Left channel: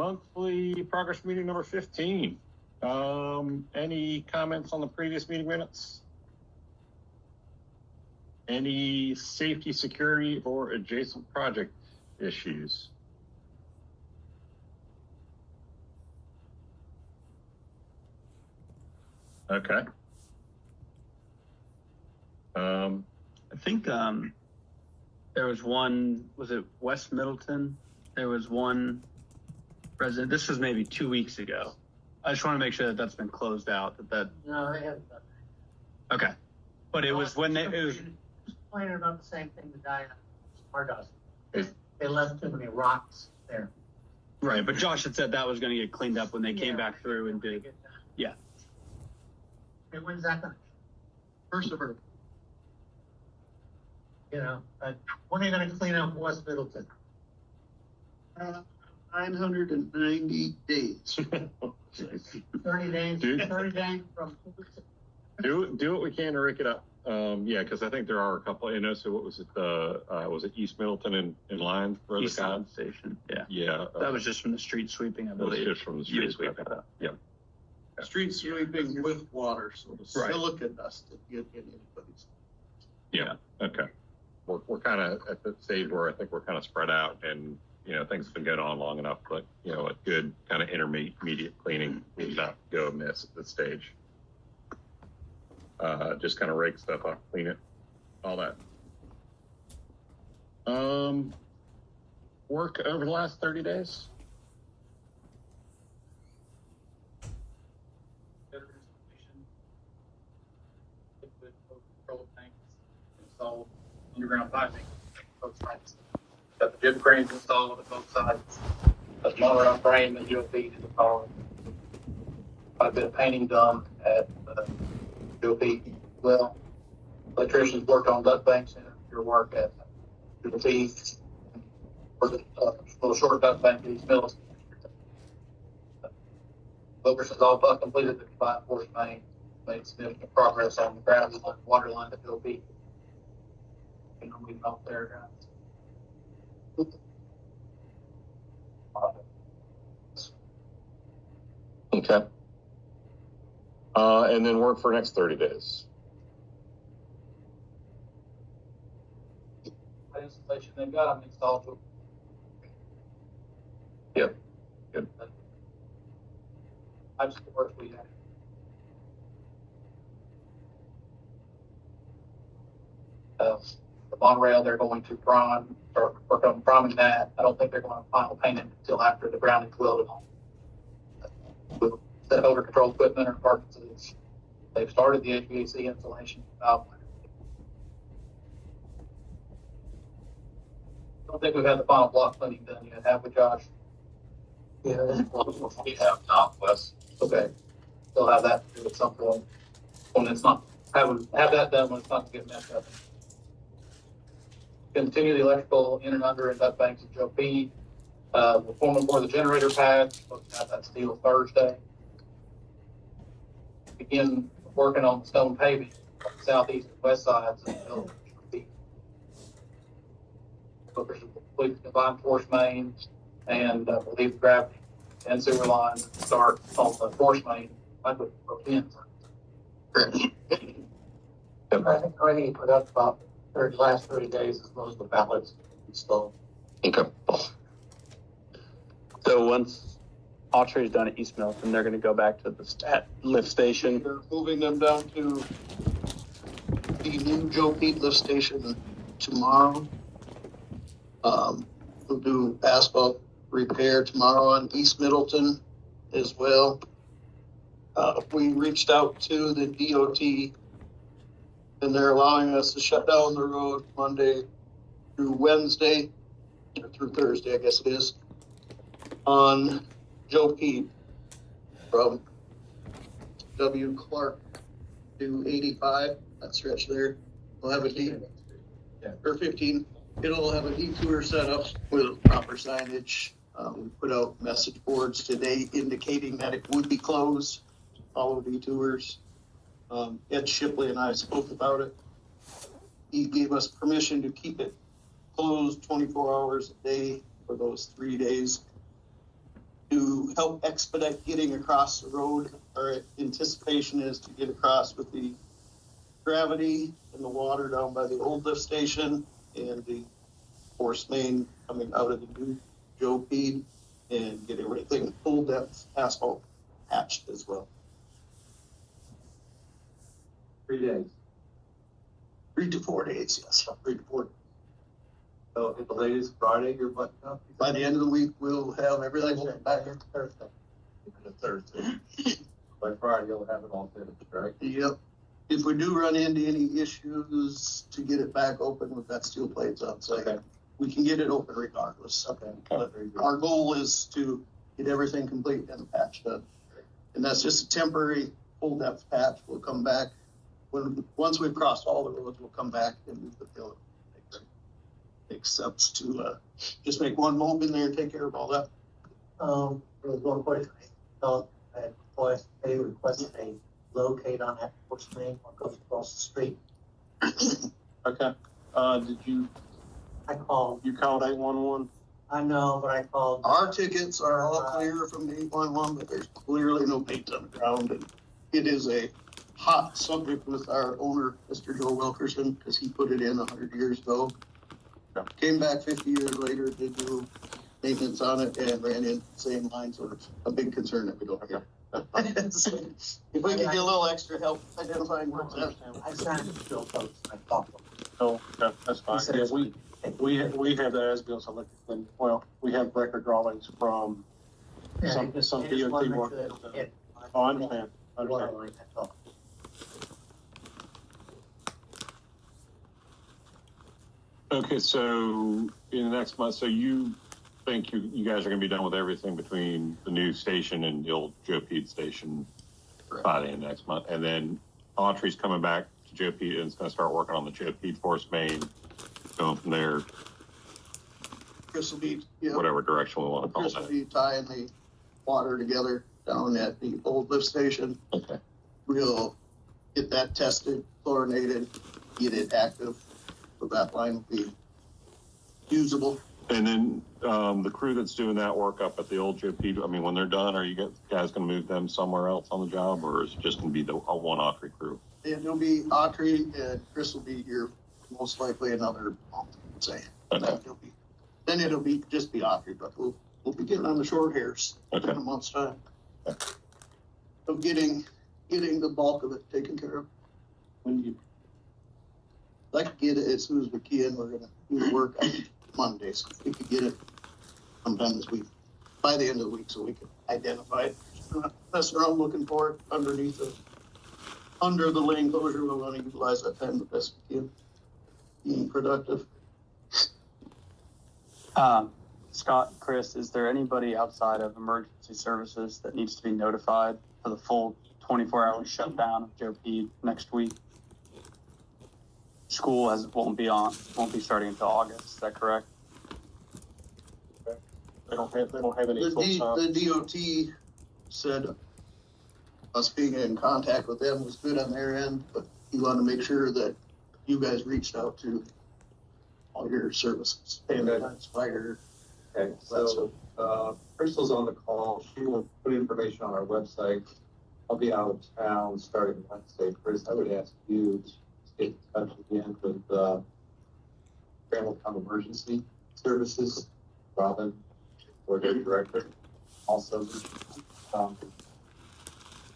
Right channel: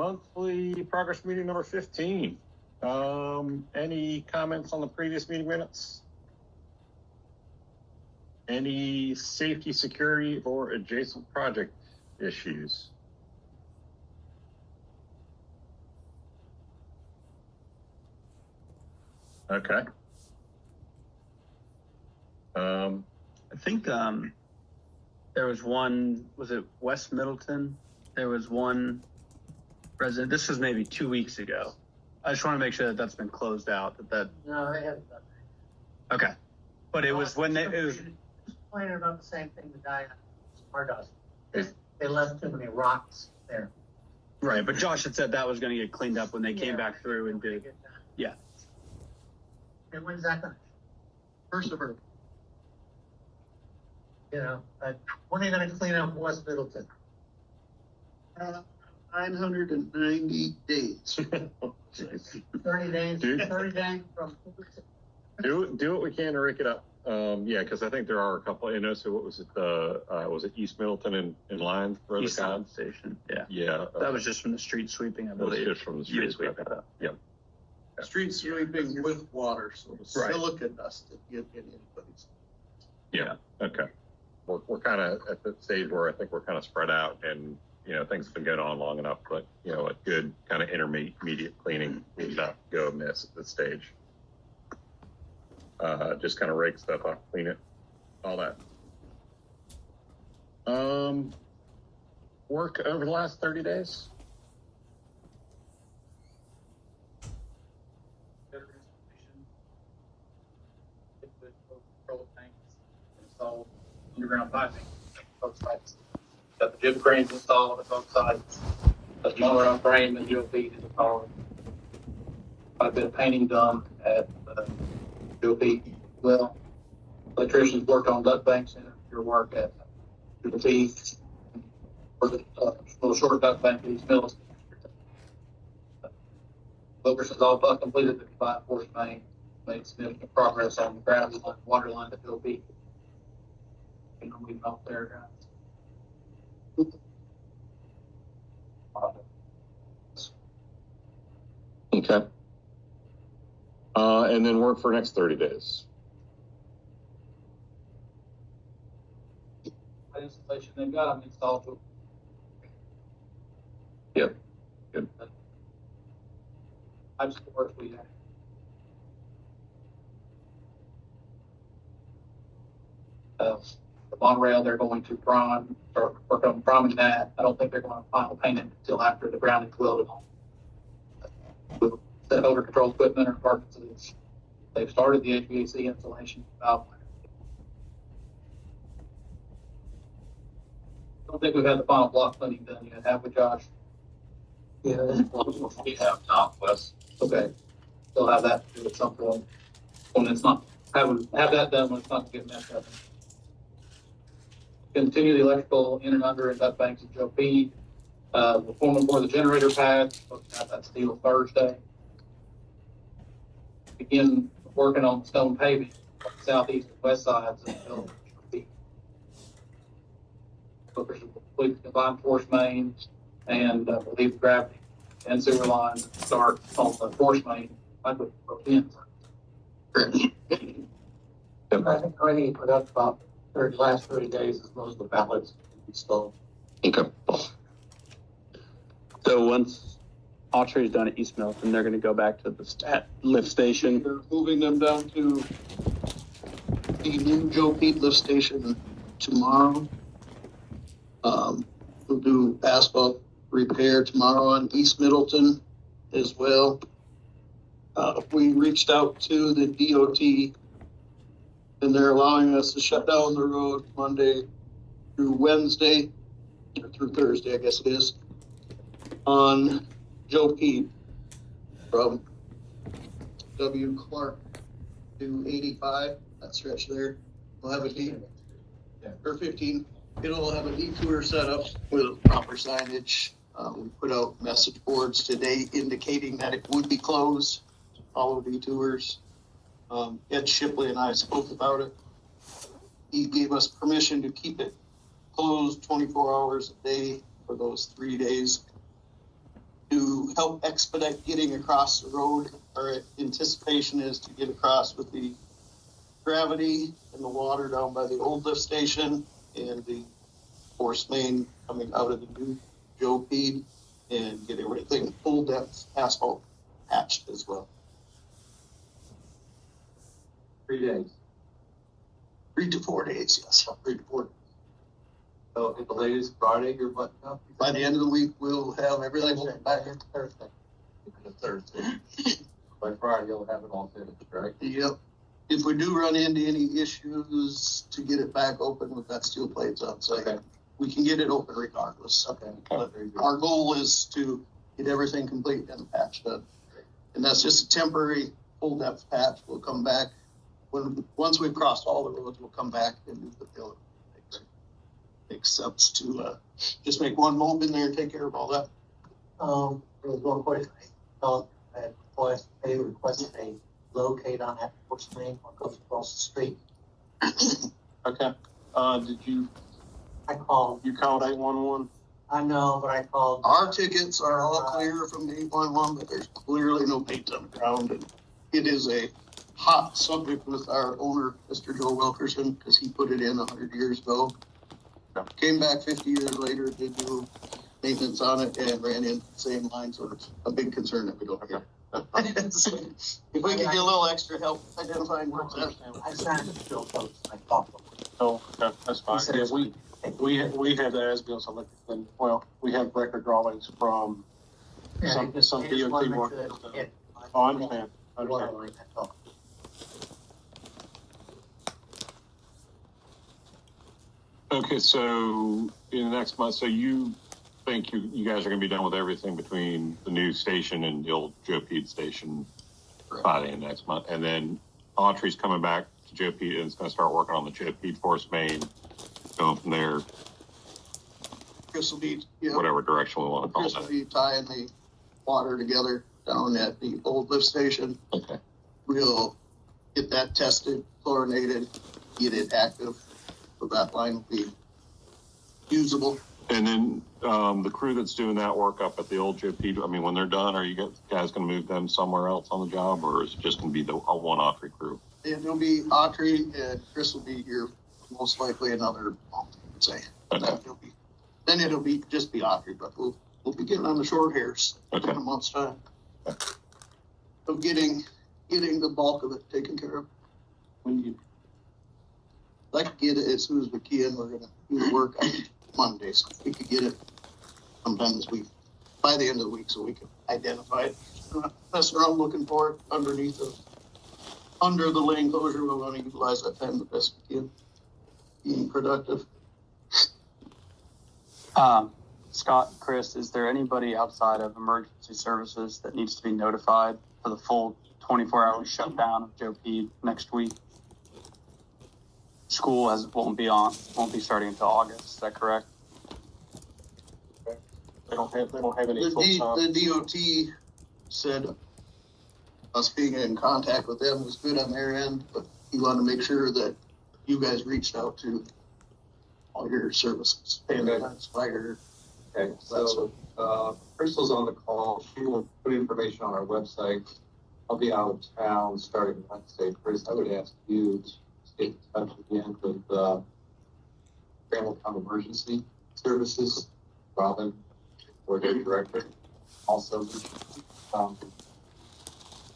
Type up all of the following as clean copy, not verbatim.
monthly progress meeting number 15. Any comments on the previous meeting minutes? Any safety, security, or adjacent project issues? Okay. I think there was one, was it West Middleton? There was one resident, this was maybe 2 weeks ago. I just want to make sure that that's been closed out. No, they haven't. Okay. But it was when it was complaining about the same thing the guy does. They left too many rocks there. right, but Josh had said that was going to get cleaned up when they came back through and did. Yeah. And when's that done? First of all. You know, but when are you going to clean up West Middleton? 990 days. 30 days. Dude. 30 days from. Do what we can to rake it up. Yeah, because I think there are a couple. You know, so what was it? Was it East Middleton and Lyons? East Lyons Station. Yeah. Yeah. That was just from the street sweeping, I believe. Just from the street sweeping. Yeah. Street sweeping with water, so the silica dust that get in anybody's. Yeah. Okay. We're kind of at the stage where I think we're kind of spread out, and you know things have been going on long enough. But you know, a good kind of intermediate cleaning is not go miss at this stage. Just kind of rake stuff up, clean it, all that. Work over the last 30 days. Installed underground piping both sides. Got the jib cranes installed at both sides. Got the motor on frame and UFB installed. Quite a bit of painting done at UFB. Well, electricians worked on duct banks and your work at UFB. A little short duct bank for these mills. Focus is all but completed the combined force main. Made significant progress on the ground on the water line at UFB. And we up there. Okay. And then work for next 30 days. Installation they've got them installed. Yep. Good. I just work we have. The monorail they're going to prime, or work on priming that. I don't think they're going to final paint it until after the grounding's welded on. The odor control equipment or carcasses. They've started the HVAC installation. I don't think we've had the final block cleaning done yet, have we, Josh? Yeah. We have not, Wes. Okay. They'll have that at some point. When it's not, have that done when it's not getting messed up. Continue the electrical in and under and duct banks at Joe P. We're forming for the generator pad. Got that steel Thursday. Begin working on stone paving, southeast and west sides of Joe P. Focus on complete combined force main and believe gravity and sewer line start on the force main. I would in. I think I need to put up about the last 30 days is most of the ballots installed. Okay. So once Autry is done at East Middleton, they're going to go back to the lift station. They're moving them down to the new Joe Pete lift station tomorrow. We'll do asphalt repair tomorrow on East Middleton as well. We reached out to the DOT and they're allowing us to shut down the road Monday through Wednesday, or through Thursday, I guess it is, on Joe Pete from W. Clark to 85, that stretch there. We'll have a or 15. It'll have a detour set up with proper signage. We put out message boards today indicating that it would be closed, follow detours. Ed Shipley and I spoke about it. He gave us permission to keep it closed 24 hours a day for those 3 days due to help expedite getting across the road. Our anticipation is to get across with the gravity and the water down by the old lift station and the force main coming out of the new Joe feed and get everything full depth asphalt patched as well. 3 days. 3 to 4 days, yes, 3 to 4 days. So at the latest Friday, you're buttoned up? By the end of the week, we'll have everything back in Thursday. Thursday. By Friday, you'll have it all finished, right? Yep. If we do run into any issues to get it back open with that steel plates on site, Okay. we can get it open regardless. Okay. But Very good. our goal is to get everything complete and the patch done. And that's just a temporary full depth patch. We'll come back once we've crossed all the roads, we'll come back and move the fill. Except to just make one mold in there and take care of all that. There was one question. I requested a locate on that force main what goes across the street. Okay. Did you called. 811? I know, but I called. Our tickets are all clear from the 811, but there's clearly no paint on the ground. And it is a hot subject with our owner, Mr. Joe Wilkerson, because he put it in 100 years ago. Came back 50 years later, did do maintenance on it and ran in the same line, so it's a big concern that we don't get. So, if we could get a little extra help identifying what's that. I signed the bill post. I talked to him. Oh, okay, that's fine. He said Yeah, it's we have the as-built electric, well, we have record drawings from some just DOT wanted to work. make sure it- Oh, I understand. I understand. Water line, that's all. Okay, so in the next month, so you think you guys are going to be done with everything between the new station and the old Joe Pete station by the end of next month, and then Autry's coming back to Joe Pete and is going to start working on the Joe Pete force main, going from there, Chris will be, yeah, whatever direction we want to call Chris will that. be tying the water together down at the old lift station. Okay. We'll get that tested, chlorinated, get it active, so that line will be usable. And then the crew that's doing that work up at the old Joe Pete, I mean, when they're done, are you guys going to move them somewhere else on the job, or is it just going to be the one Autry crew? It'll be Autry and Chris will be here most likely another month, I'd say. Okay. Then it'll be just be Autry, but we'll be getting on the short hairs Okay. in a month's time. So getting the bulk of it taken care of. When you, I'd like to get it as soon as we can. We're gonna do the work on Monday, so if we could get it sometime this week, by the end of the week, so we can identify it. Messing around looking for it under the lane closure. We want to utilize that time the best we can. Being productive. Scott, Chris, is there anybody outside of emergency services that needs to be notified for the full 24-hour shutdown of Joe Pete next week? School won't be starting until August. Is that correct? they don't have any The full-time. DOT said us being in contact with them was good on their end, but you want to make sure that you guys reached out to all your services, ambulance, fire. Okay, so, Crystal's on the call. She will put information on our website. I'll be out of town starting Wednesday. Chris, I would ask you to get in touch again with, Hamilton Emergency Services, Robin, or their director. Also,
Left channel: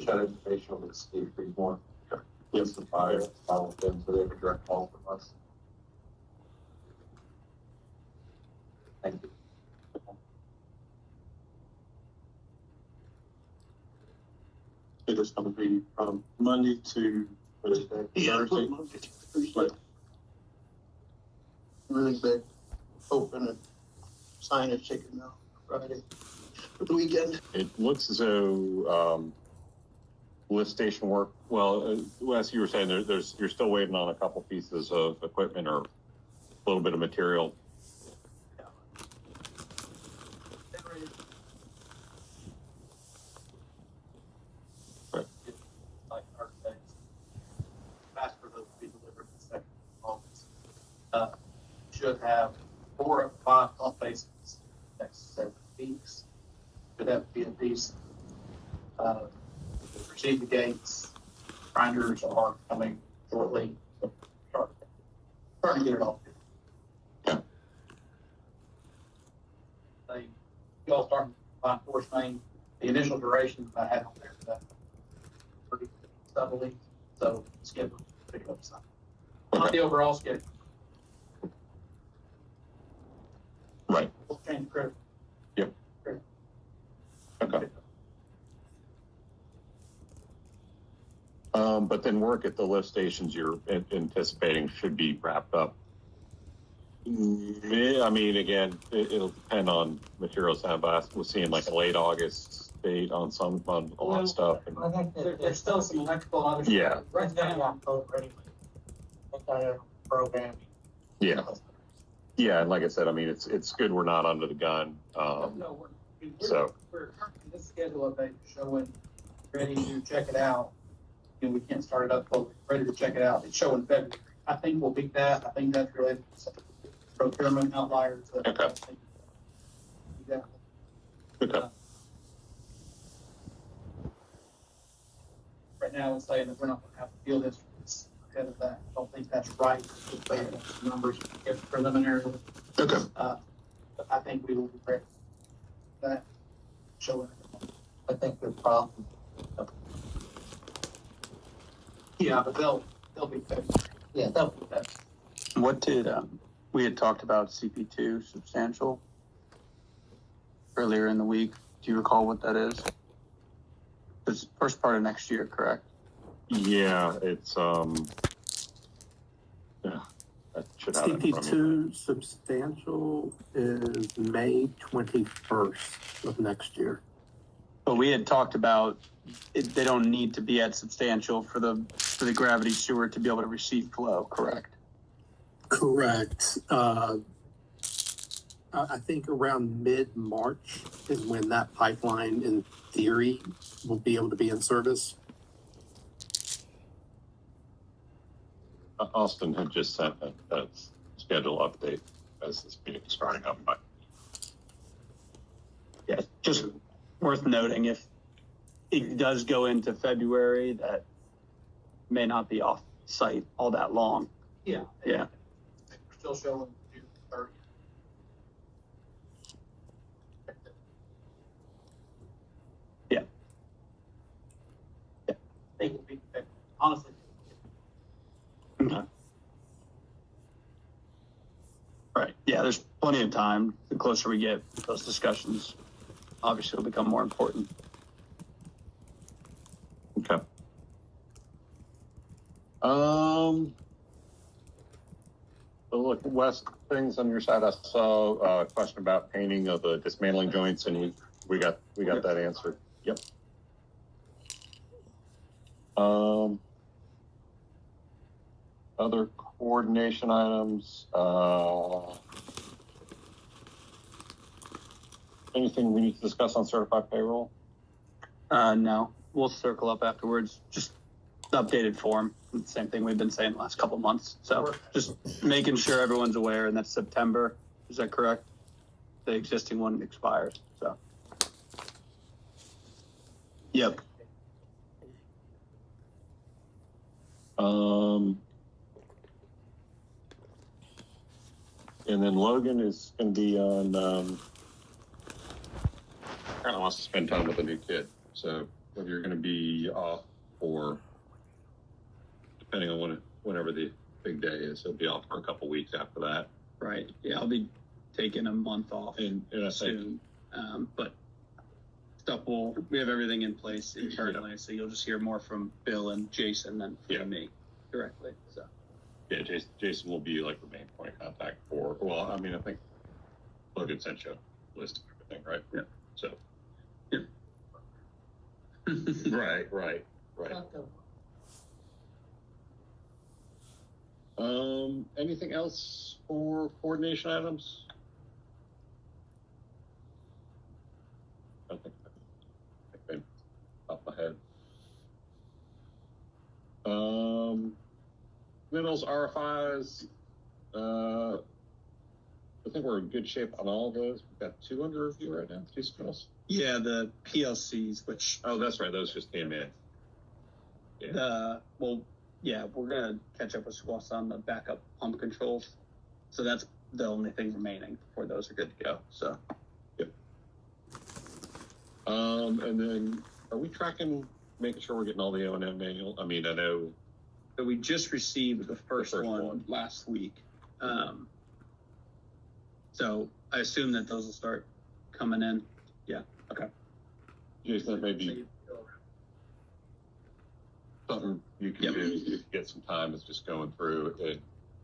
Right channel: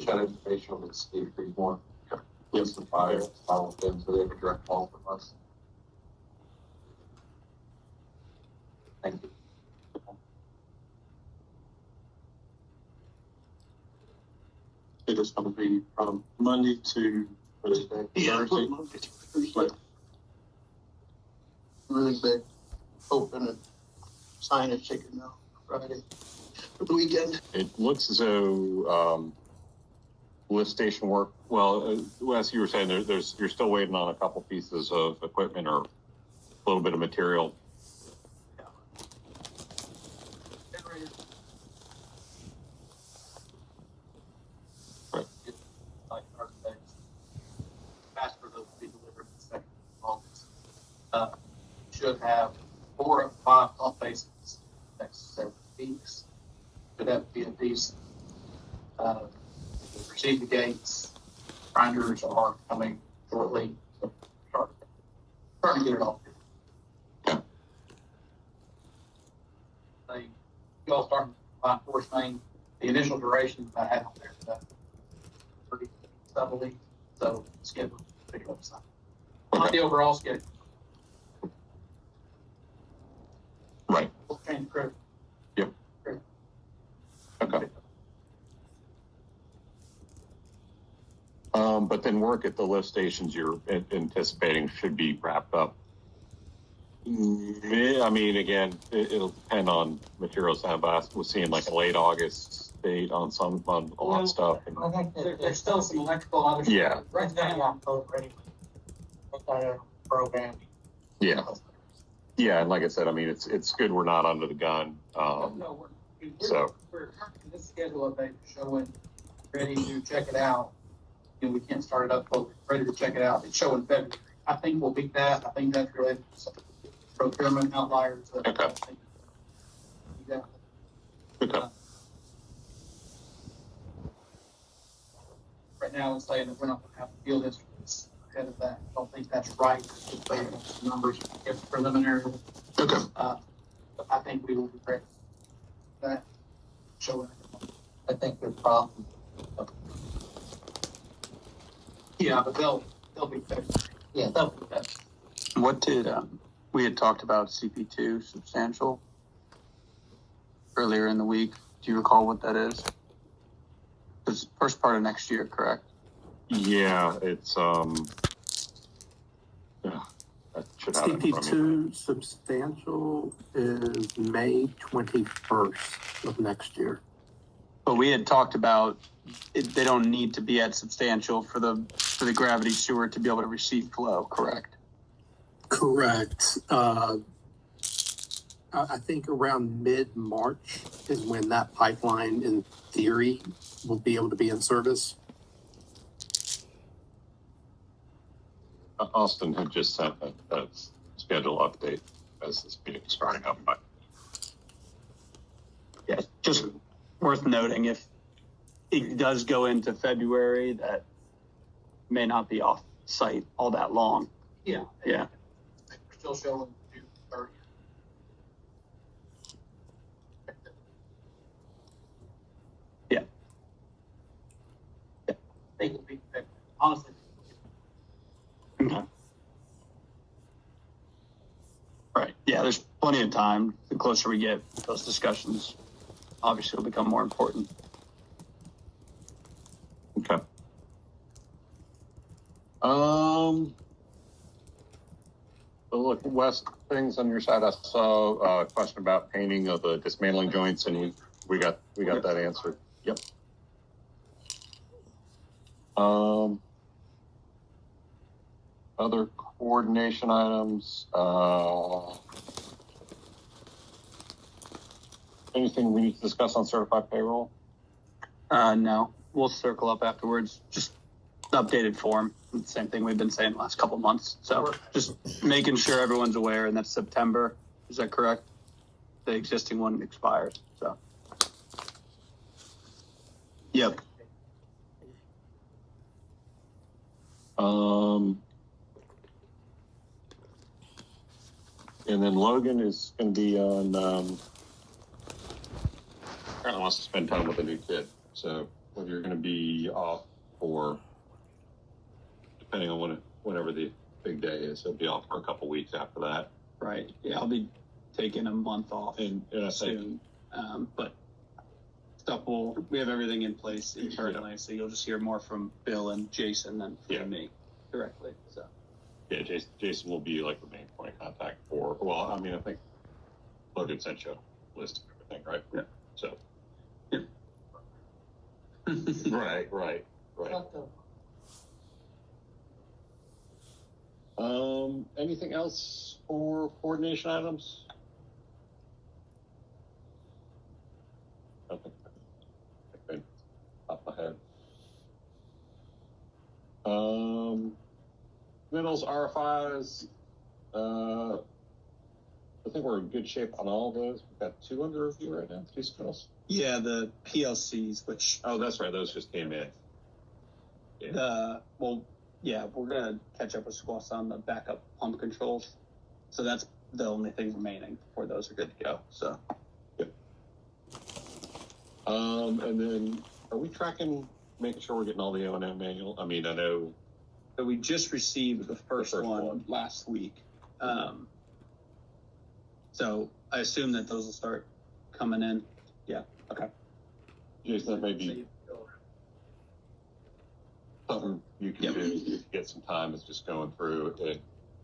share information on the Steve Freemore. Yes, the fire, follow them, so they have a direct call from us. Thank you. It is going to be from Monday to Thursday. Thursday. Really big, open and signage taken now Friday for the weekend. It looks as though lift station work. Well, Wes, you were saying you're still waiting on a couple pieces of equipment or a little bit of material. Like architects, ask for those to be delivered in the second of August. Should have 4 or 5 pump bases next several weeks. Should that be at least, proceed the gates. Grinders are coming shortly. So starting to get it all. Yeah. You all start by force main. The initial duration I had on there, pretty subtly. So schedule, pick it up some. Not the overall schedule. Right. We'll change the crew. Yep. Okay. But then work at the lift stations you're anticipating should be wrapped up. I mean, again, it'll depend on materials. But we're seeing like a late August date on a lot of stuff. And, I think There's still some electrical and other. Yeah. right now, October anyway. What kind of program? yeah, yeah, and like I said, I mean, it's good we're not under the gun. No, So we're currently this schedule update showing ready to check it out. You know, we can't start it up, but we're ready to check it out. It's showing February. I think we'll beat that. I think that's related to some procurement outliers. Okay. Yeah. okay, Right now, it's saying that we're not going to have field instruments ahead of that. I don't think that's right. It's based on some numbers, it's preliminary. okay, But I think we will be ready. That showing. I think there's problems. Yeah, but they'll be better. Yeah, They'll be better. What did, we had talked about CP2 substantial earlier in the week. Do you recall what that is? It's first part of next year, correct? yeah, it's yeah, I should have it in front of me. CP2 substantial is May 21st of next year. But we had talked about they don't need to be at substantial for the gravity sewer to be able to receive flow, correct? Correct. I think around mid-March is when that pipeline, in theory, will be able to be in service. Austin had just sent a schedule update as this meeting is starting up. But Yeah, just worth noting if it does go into February, that may not be off site all that long. Yeah. Yeah. We're still showing June 30th. Yeah. I think we'll be, honestly. Okay. Right. Yeah, there's plenty of time. The closer we get, those discussions obviously will become more important. okay. So look, Wes, things on your side. I saw a question about painting of the dismantling joints, and we got that answered. Yep. Other coordination items. Anything we need to discuss on certified payroll? No, we'll circle up afterwards. Just the updated form. The same thing we've been saying the last couple of months. So just making sure everyone's aware, and that's September. Is that correct? The existing one expires. So. Yep. And then Logan is going to be on. Apparently wants to spend time with a new kid. So whether you're going to be off or, depending on whenever the big day is, he'll be off for a couple weeks after that. Right. Yeah, I'll be taking a month off And I think soon. But we have everything in place internally, so you'll just hear more from Bill and Jason than from me directly. So. yeah, Jason will be like the main point of contact for. Well, I mean, I think Logan sent you a list of everything, right? Yeah. So. Right. Anything else for coordination items? I think they top of my head. Middles, RFIs. I think we're in good shape on all of those. We've got 2 under review right now, 3 submittals. Yeah, the PLCs, which Oh, that's right. Those just came in. we're gonna catch up with Squaws on the backup pump controls. So that's the only thing remaining before those are good to go. So And then are we tracking, making sure we're getting all the O&M manual? I mean, I know. so we just received the first one last week. So I assume that those will start coming in. Yeah. Okay. Jason, that may be something you can do if you get some time, is just going through and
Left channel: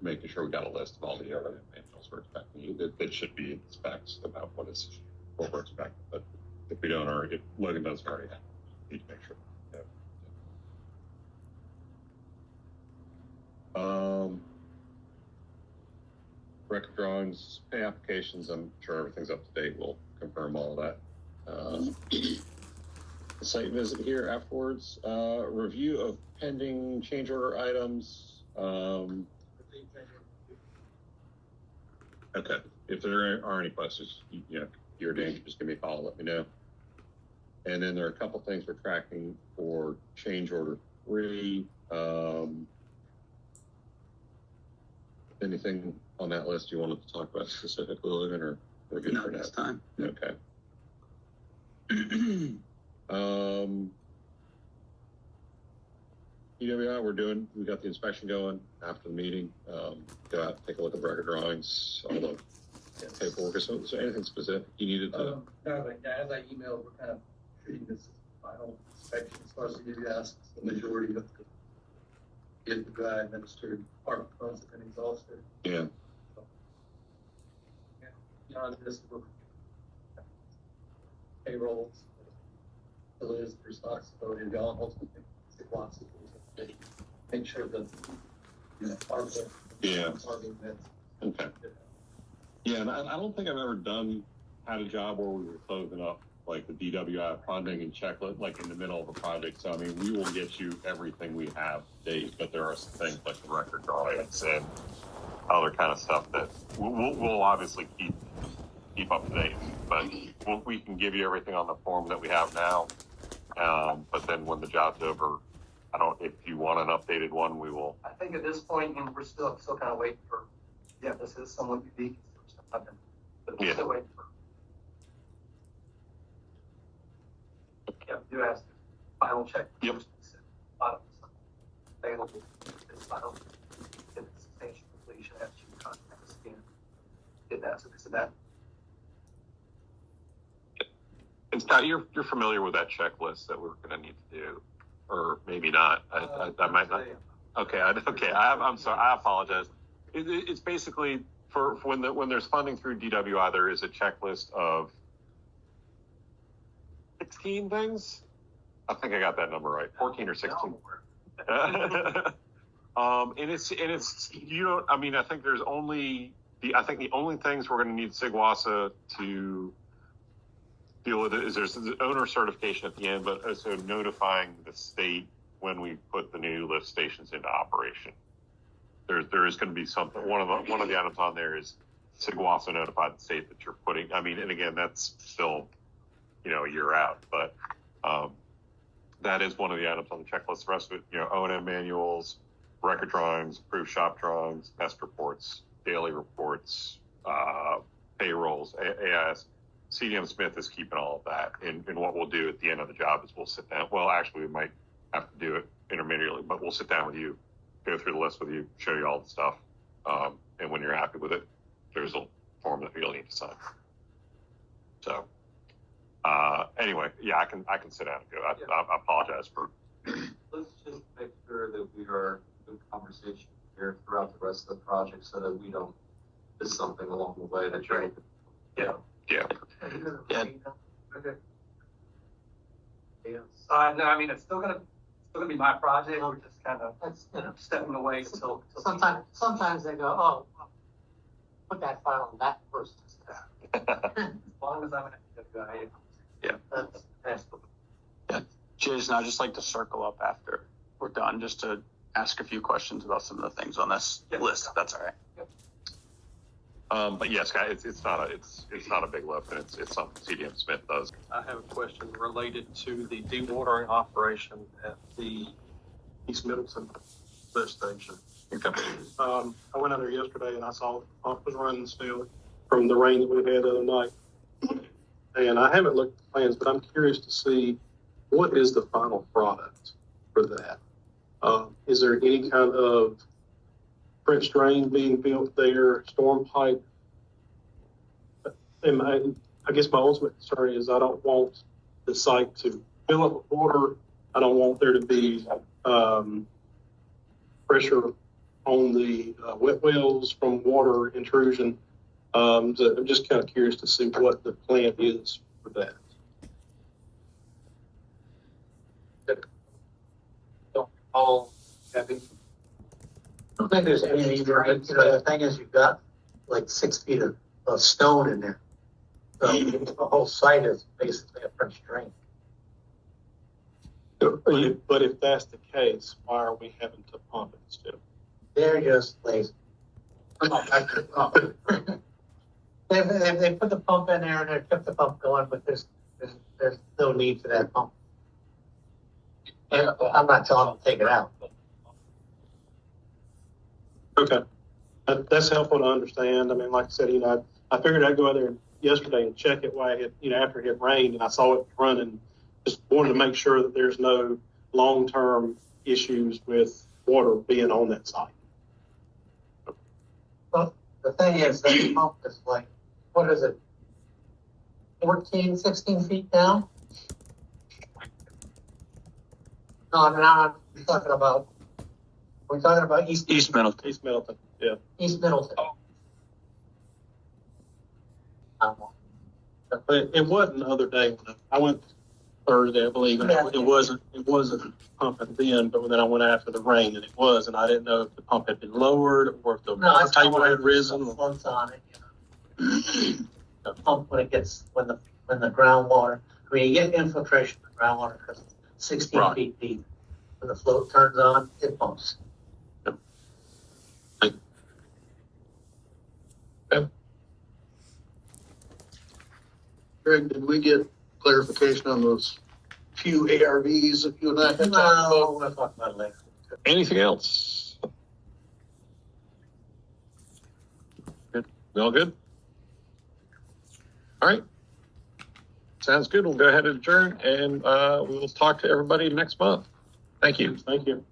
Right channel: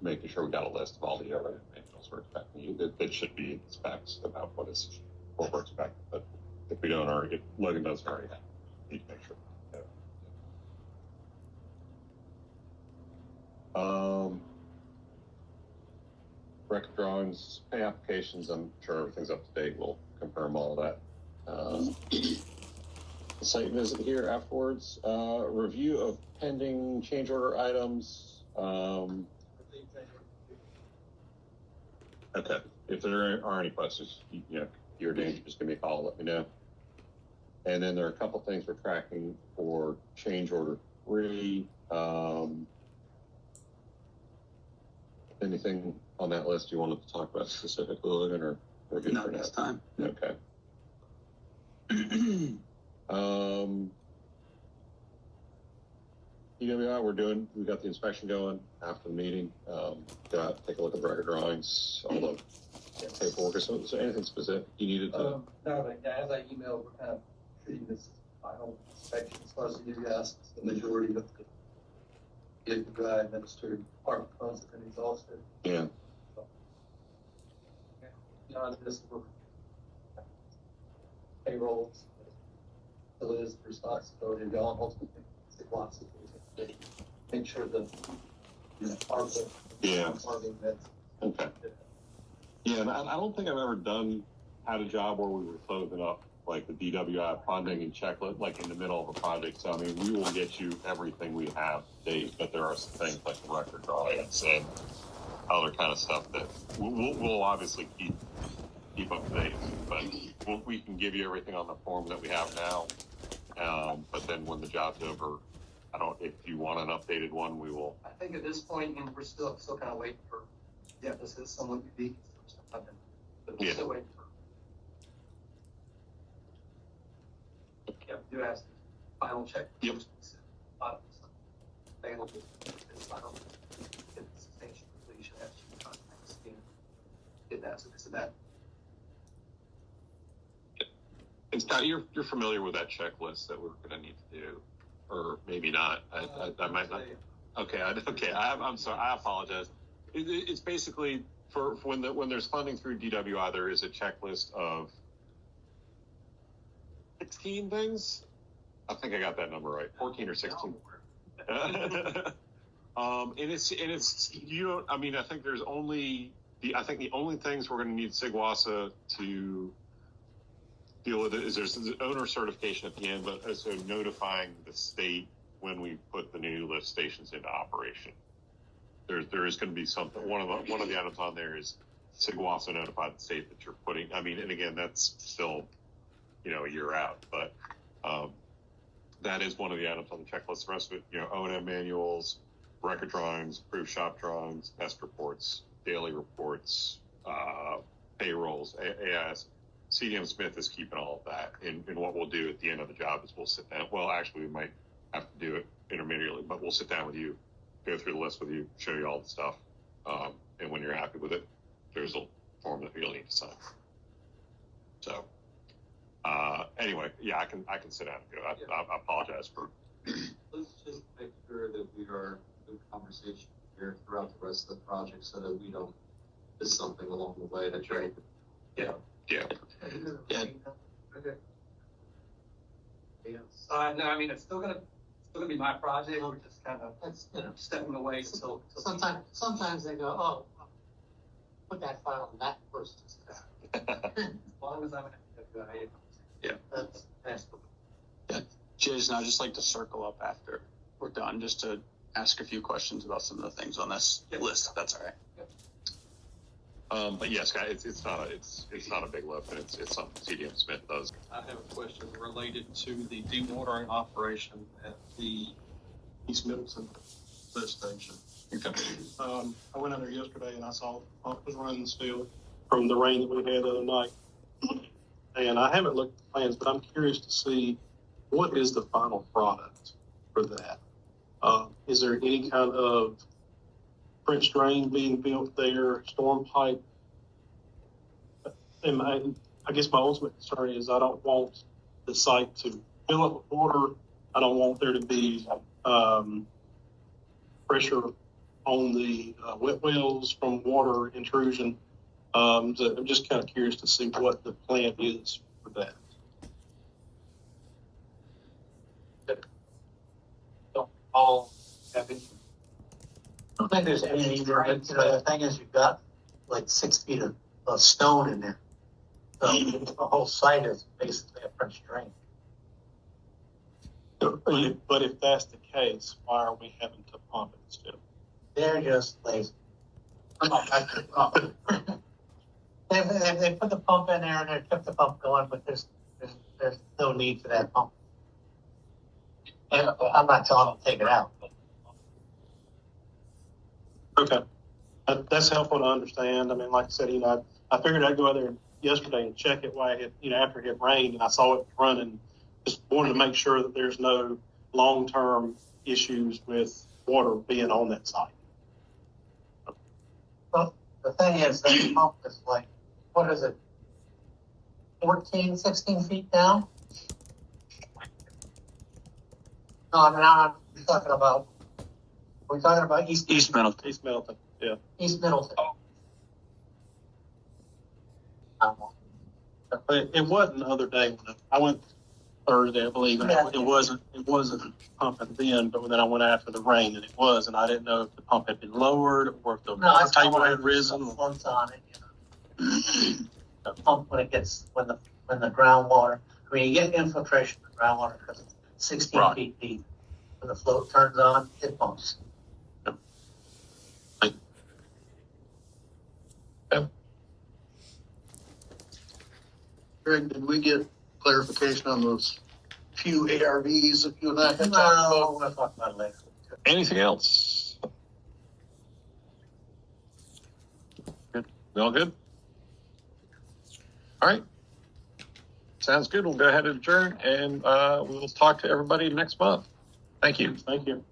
making sure we got a list of all the O&M manuals we're expecting. It should be specs about what we're expecting, but if we don't already, if Logan doesn't already have, we need to make sure. Record drawings, pay applications, I'm sure everything's up to date. We'll confirm all of that. Site visit here afterwards. Review of pending change order items. Okay. If there are any questions, you're dangerous, just give me a call, let me know. And then there are a couple things we're tracking for change order 3. Anything on that list you wanted to talk about specifically, Logan, or we're good for This now? time. Okay. EWI, we got the inspection going after the meeting. Go out, take a look at the record drawings, all the paperwork. Is there anything specific you needed to? No, but as I emailed, we're kind of treating this as final inspection as far as the UDS, the majority of the EWI administered department funds have been exhausted. Yeah. So, beyond this, we're payrolls, so it is the responsibility of y'all, ultimately, lots of things. Make sure that, our, Yeah. our events. Okay. Yeah, and I don't think I've ever had a job where we were closing up like the DWI funding and checklist, like in the middle of a project. So, I mean, we will get you everything we have to date, but there are some things like the record drawings and other kind of stuff that we'll obviously keep up to date, but we can give you everything on the form that we have now. But then when the job's over, if you want an updated one, we will. I think at this point, and we're still kind of waiting for, this is somewhat unique, but we're still waiting for. Do ask the final check. Yep. Final, get the substantial completion after you contact us again. Get that, so that. And Scott, you're familiar with that checklist that we're going to need to do, or maybe not. I might not. Okay. I'm sorry. I apologize. It's basically for when there's funding through DWI, there is a checklist of 16 things. I think I got that number right. 14 or 16. And it's you don't. I mean, I think there's only the only things we're going to need SIGWASA to deal with it is there's the owner certification at the end, but also notifying the state when we put the new lift stations into operation. There is going to be something. One of the items on there is SIGWASA notified the state that you're putting. I mean, and again, that's still a year out, but that is one of the items on the checklist. The rest of it, O&M manuals, record drawings, approved shop drawings, best reports, daily reports, payrolls, AIS. CDM Smith is keeping all of that. And what we'll do at the end of the job is we'll sit down. Well, actually, we might have to do it intermediately, but we'll sit down with you, go through the list with you, show you all the stuff. And when you're happy with it, there's a form that you'll need to sign. So, anyway, I can sit down and go. I apologize for. Let's just make sure that we are in good conversation here throughout the rest of the project so that we don't miss something along the way. That's right. Yeah. Okay. No, I mean, it's still gonna be my project. We're just kind of stepping away until Sometimes they go, oh, put that file on that person's desk. as long as I'm gonna That's Jason, I'd just like to circle up after we're done, just to ask a few questions about some of the things on this list. If that's all right. But yes, guys, it's not a big lift, and it's something CDM Smith does. I have a question related to the dewatering operation at the East Middleton lift station. Okay. I went out there yesterday and I saw the pump was running still from the rain that we had the other night. And I haven't looked at the plans, but I'm curious to see what is the final product for that. Is there any kind of French drain being built there, storm pipe? And I guess my ultimate concern is I don't want the site to fill up with water. I don't want there to be pressure on the wet wells from water intrusion. So I'm just kind of curious to see what the plan is for that. All happy. I don't think there's anything there, but, the thing is, you've got like 6 feet of stone in there. So the whole site is basically a French drain. But if that's the case, why are we having to pump it still? They're just lazy. They put the pump in there and they kept the pump going, but there's no need for that pump. And I'm not telling them to take it out. Okay. That's helpful to understand. I mean, like I said, I figured I'd go out there yesterday and check it while it, after it had rained, and I saw it running. Just wanted to make sure that there's no long-term issues with water being on that site. Well, the thing is, that pump is like, what is it? 14, 16 feet down? No, now we're talking about East Middleton. East Middleton, yeah. East Middleton. But it wasn't the other day. I went Thursday, I believe, and it wasn't pumping then, but then I went after the rain and it was, and I didn't know if the pump had been lowered or if the table had risen. The floods on it. The pump when the groundwater, I mean, you get infiltration in the groundwater because it's 16 Right. feet deep. When the float turns on, it pumps. Greg, did we get clarification on those few ARVs that you and I had talked about? No, we're talking about later. Anything else? Good. We all good? All right. Sounds good. We'll go ahead and adjourn, and we will talk to everybody next month. Thank you. Thank you.